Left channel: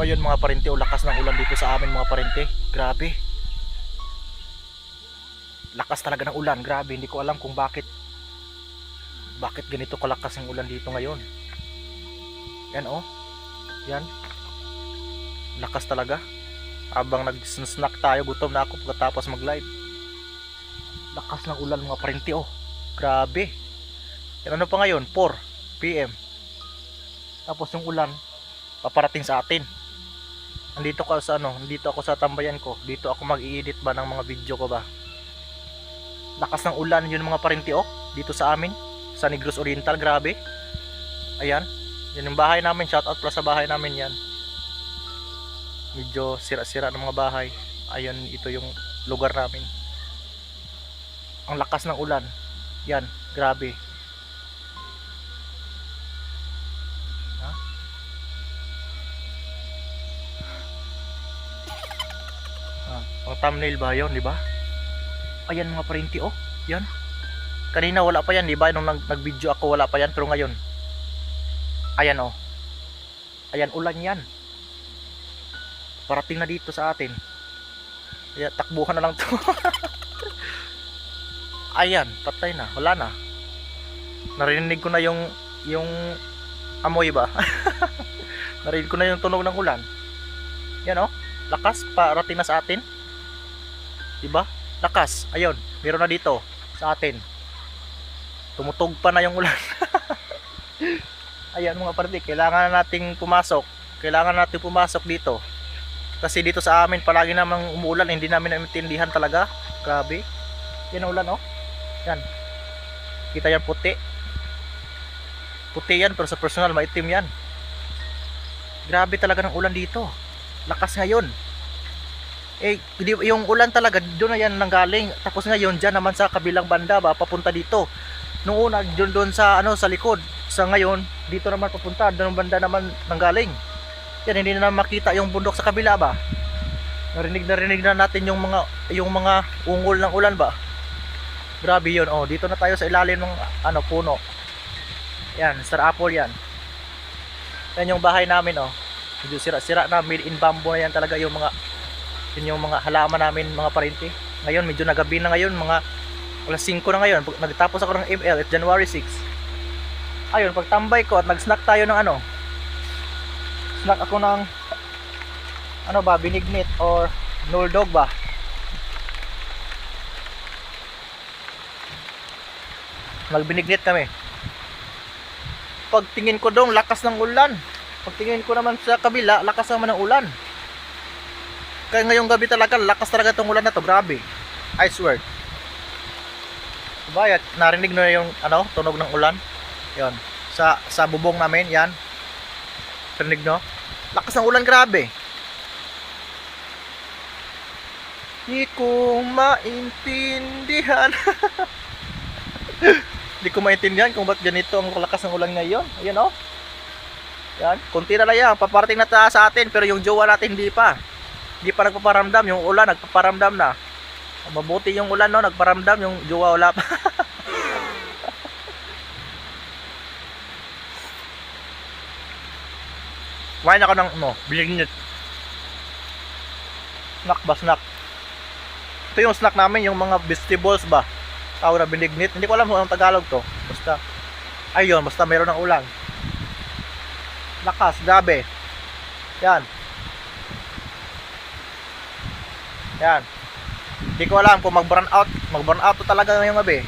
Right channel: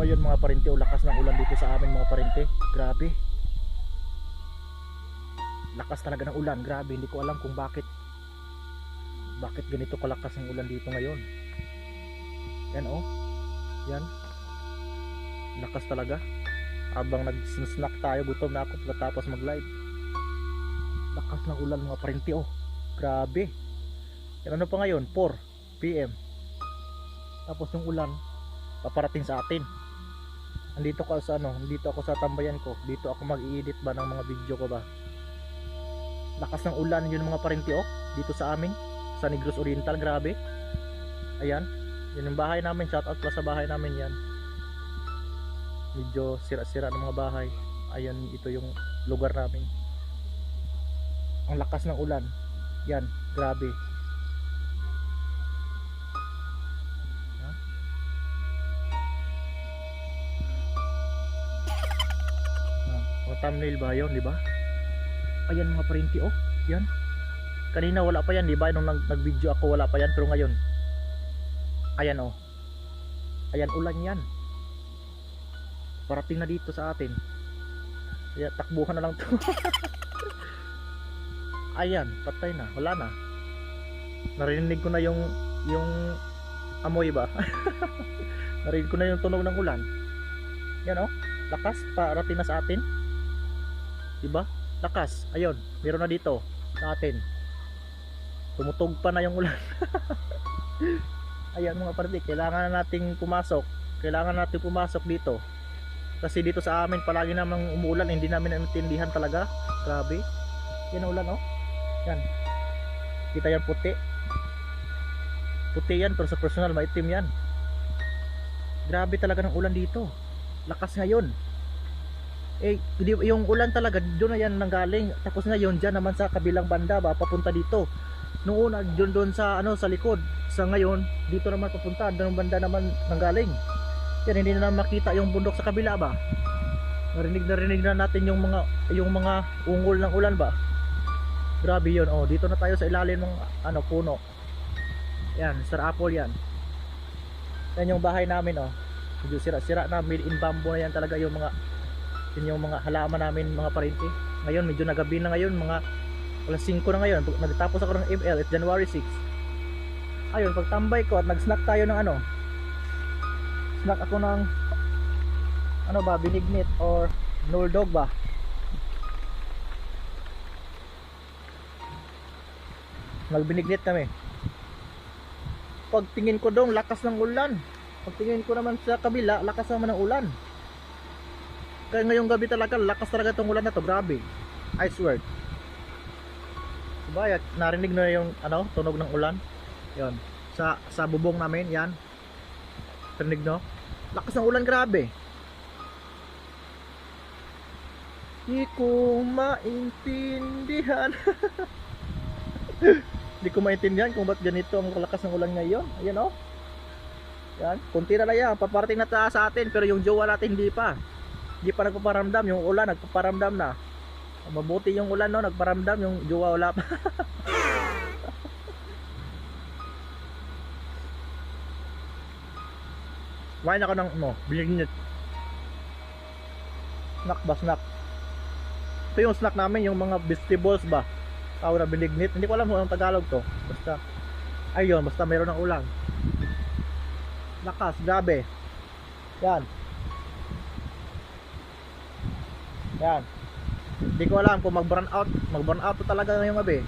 So ayun mga parente, o lakas ng ulan dito sa amin mga parente. Grabe. Lakas talaga ng ulan, grabe. Hindi ko alam kung bakit ganito kalakas ang ulan dito ngayon. Yan oh. Yan. Lakas talaga. Habang nag-snack tayo, gutom na ako pagkatapos mag-live. Lakas ng ulan mga parente oh. Grabe. Yan, ano pa ngayon? 4 PM. Tapos yung ulan paparating sa atin. Nandito ako sa tambayan ko. Dito ako mag-i-edit ba ng mga video ko ba. Lakas ng ulan yun mga parente oh. Dito sa amin, sa Negros Oriental, grabe. Ayan, yan yung bahay namin. Shoutout pala sa bahay namin yan. Medyo sira-sira ng mga bahay. Ayan, ito yung lugar namin. Ang lakas ng ulan. Yan, grabe. Ang thumbnail ba yun, di ba? Ayan mga parente oh. Yan. Kanina wala pa yan, di ba? Nung nag-video ako wala pa yan, pero ngayon. Ayan oh. Ayan, ulan yan. Parating na dito sa atin. Kaya takbuhan na lang to. Ayan, patay na, wala na. Narinig ko na yung amoy ba. Narinig ko na yung tunog ng ulan. Yan oh, lakas parating na sa atin. Diba? Lakas, ayun, meron na dito sa atin. Tumutog pa na yung ulan. Ayan mga parente, kailangan nating pumasok. Kailangan natin pumasok dito. Kasi dito sa amin palagi namang umuulan, hindi namin naintindihan talaga. Grabe. Yan ang ulan oh. Yan. Kita yan puti. Puti yan, pero sa personal maitim yan. Grabe talaga ng ulan dito. Lakas ngayon. Eh, yung ulan talaga doon na yan nanggaling. Tapos ngayon dyan naman sa kabilang banda ba, papunta dito. Nung una doon sa sa likod. Sa ngayon dito naman papunta, doon banda naman nanggaling. Yan, hindi na makita yung bundok sa kabila ba. Narinig na natin yung mga ungol ng ulan ba. Grabe yun oh. Dito na tayo sa ilalim ng puno. Yan, star apple yan. Yan yung bahay namin oh. Medyo sira-sira na, made in bamboo na yan talaga yung mga halaman namin mga parente. Ngayon medyo nagabi na ngayon, mga alas 5 na ngayon. Nagtapos ako ng ML at January 6. Ayun, pagtambay ko at nag-snack tayo ng snack ako ng binignit or noldog ba. Nagbinignit kami. Pagtingin ko doon, lakas ng ulan. Pagtingin ko naman sa kabila, lakas naman ng ulan. Kaya ngayong gabi talaga, lakas talaga itong ulan na to, grabe. I swear. Diba, narinig na yung tunog ng ulan. Yan, sa bubong namin, yan. Narinig no? Lakas ng ulan, grabe. Hindi ko maintindihan. Hindi ko maintindihan kung ba't ganito ang lakas ng ulan ngayon. Ayan oh. Yan, konti na lang yan. Paparating na sa atin, pero yung jowa natin hindi pa. Hindi pa nagpaparamdam, yung ulan nagpaparamdam na. Mabuti yung ulan no, nagparamdam, yung jowa wala pa. Kumain ako ng binignit. Snack ba, snack? Ito yung snack namin, yung mga vegetables ba. Tawag na binignit. Hindi ko alam kung anong Tagalog to. Basta, ayun, basta meron ng ulan. Lakas, grabe. Yan. Yan. Hindi ko alam kung mag-burn out to talaga ngayong gabi.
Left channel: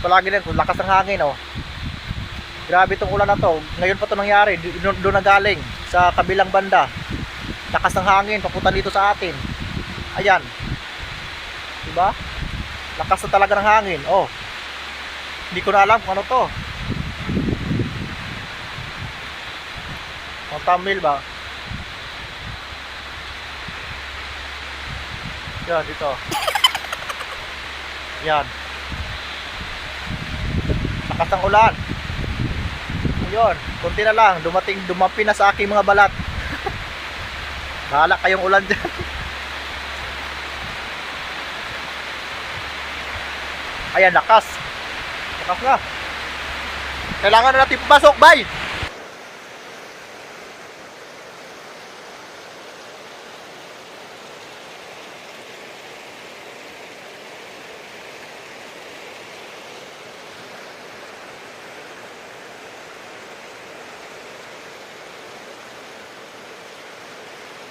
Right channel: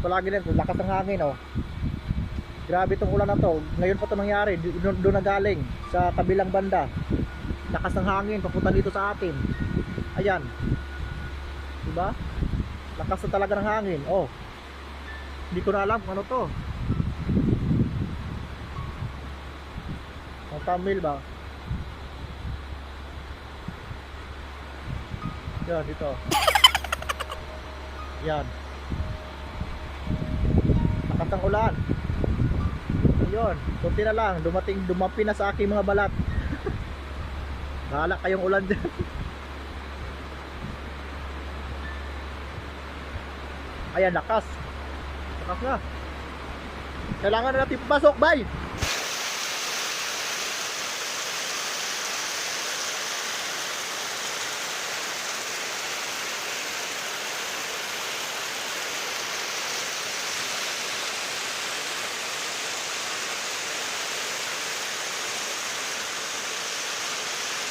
Palagi din, lakas ng hangin oh. Grabe itong ulan na to. Ngayon pa to nangyari. Doon na galing sa kabilang banda. Lakas ng hangin papunta dito sa atin. Ayan. Diba? Lakas na talaga ng hangin. Oh. Hindi ko na alam kung ano to. Ang thumbnail ba? Yan, dito. Yan. Lakas ng ulan. Ayun, kunti na lang. Dumapi na sa aking mga balat. Bahala kayong ulan dyan. Ayan, lakas. Lakas na. Kailangan na natin pumasok. Bye!